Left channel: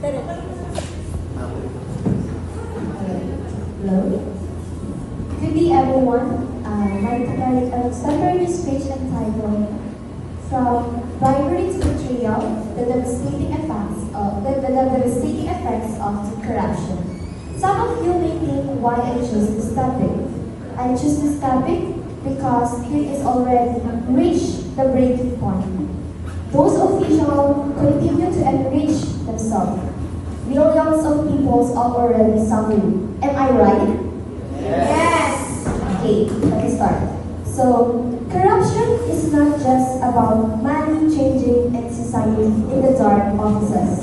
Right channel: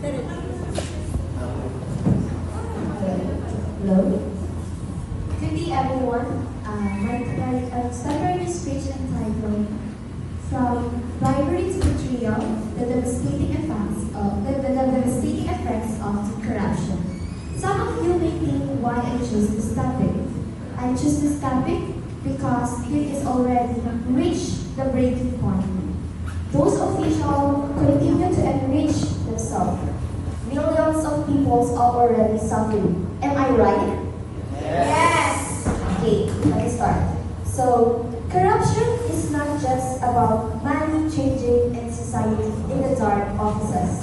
Hello. Good day, everyone. My summary speech entitled "From Bribery to Betrayal: the devastating effects of corruption." Some of you may think why I choose this topic. I choose this topic because it is already reached the breaking point. Those officials continue to enrich themselves. Millions of people are already suffering. Am I right? Yes! Okay, let me start. So, corruption is not just about money changing in society in the dark offices.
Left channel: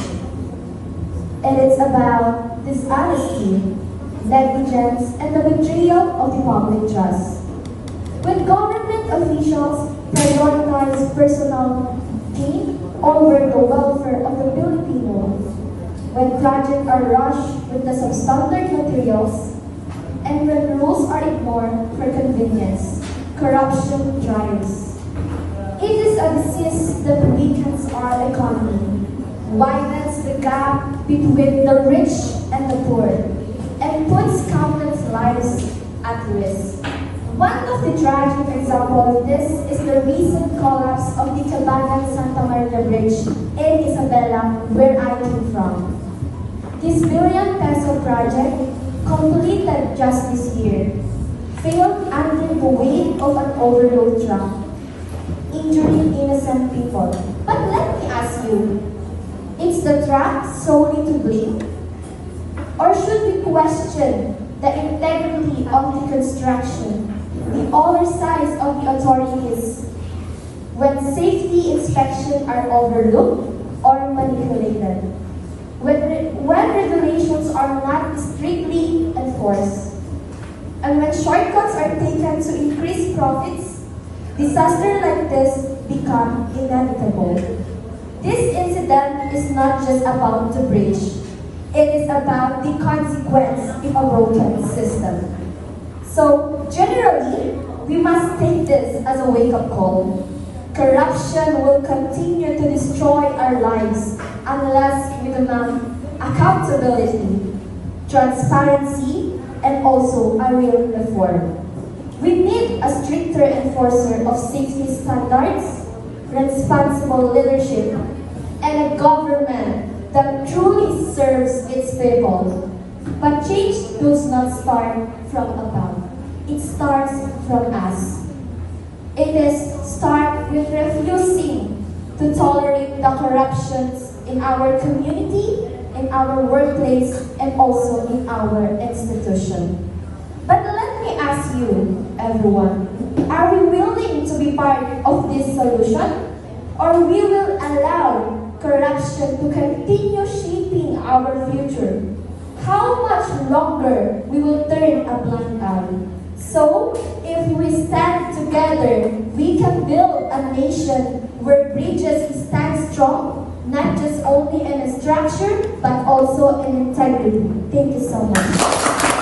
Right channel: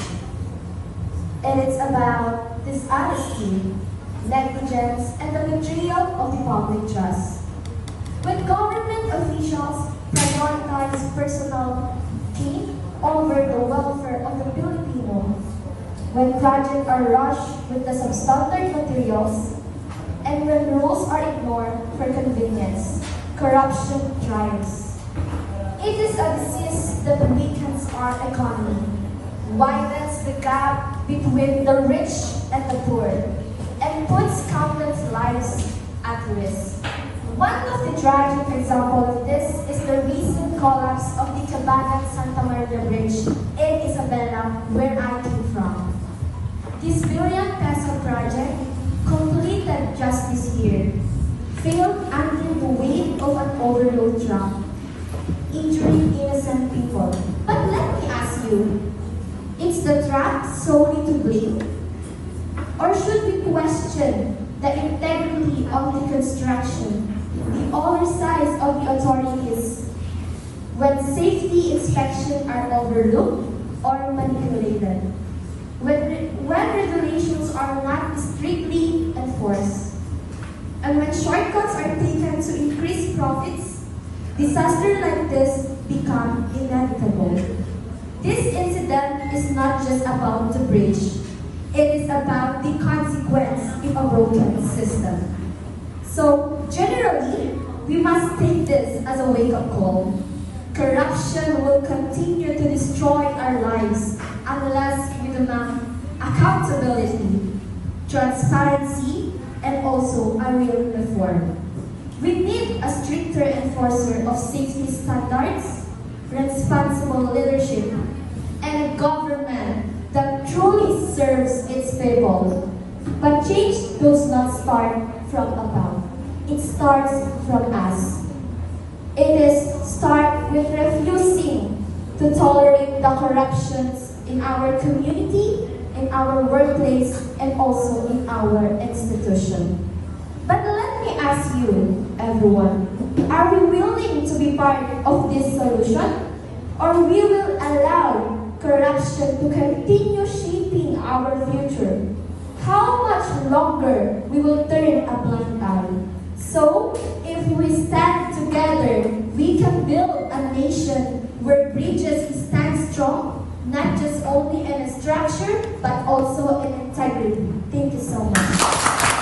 It is about dishonesty, negligence, and the betrayal of the public trust. When government officials prioritize personal gain over the welfare of the Filipino, when projects are rushed with the substandard materials, and when rules are ignored for convenience, corruption thrives. It is a disease that weakens our economy, widens the gap between the rich and the poor, and puts countless lives at risk. One of the tragic examples of this is the recent collapse of the Cabangan-Santa Maria Bridge in Isabela, where I came from. This billion-peso project, completed just this year, failed under the weight of an overload truck, injuring innocent people. But let me ask you, is the truck solely to blame? Or should we question the integrity of the construction, the oversight of the authorities, when safety inspections are overlooked or manipulated? When regulations are not strictly enforced, and when shortcuts are taken to increase profits, disasters like this become inevitable. This incident is not just about the bridge. It is about the consequence of a broken system. So, generally, we must take this as a wake-up call. Corruption will continue to destroy our lives unless we demand accountability, transparency, and also a real reform. We need a stricter enforcer of safety standards, responsible leadership, and a government that truly serves its people. But change does not start from above. It starts from us. It is start with refusing to tolerate the corruptions in our community, in our workplace, and also in our institution. But let me ask you, everyone, are we willing to be part of this solution? Or we will allow corruption to continue shaping our future? How much longer we will turn a blind eye? So, if we stand together, we can build a nation where bridges stand strong, not just only in structure, but also in integrity. Thank you so much.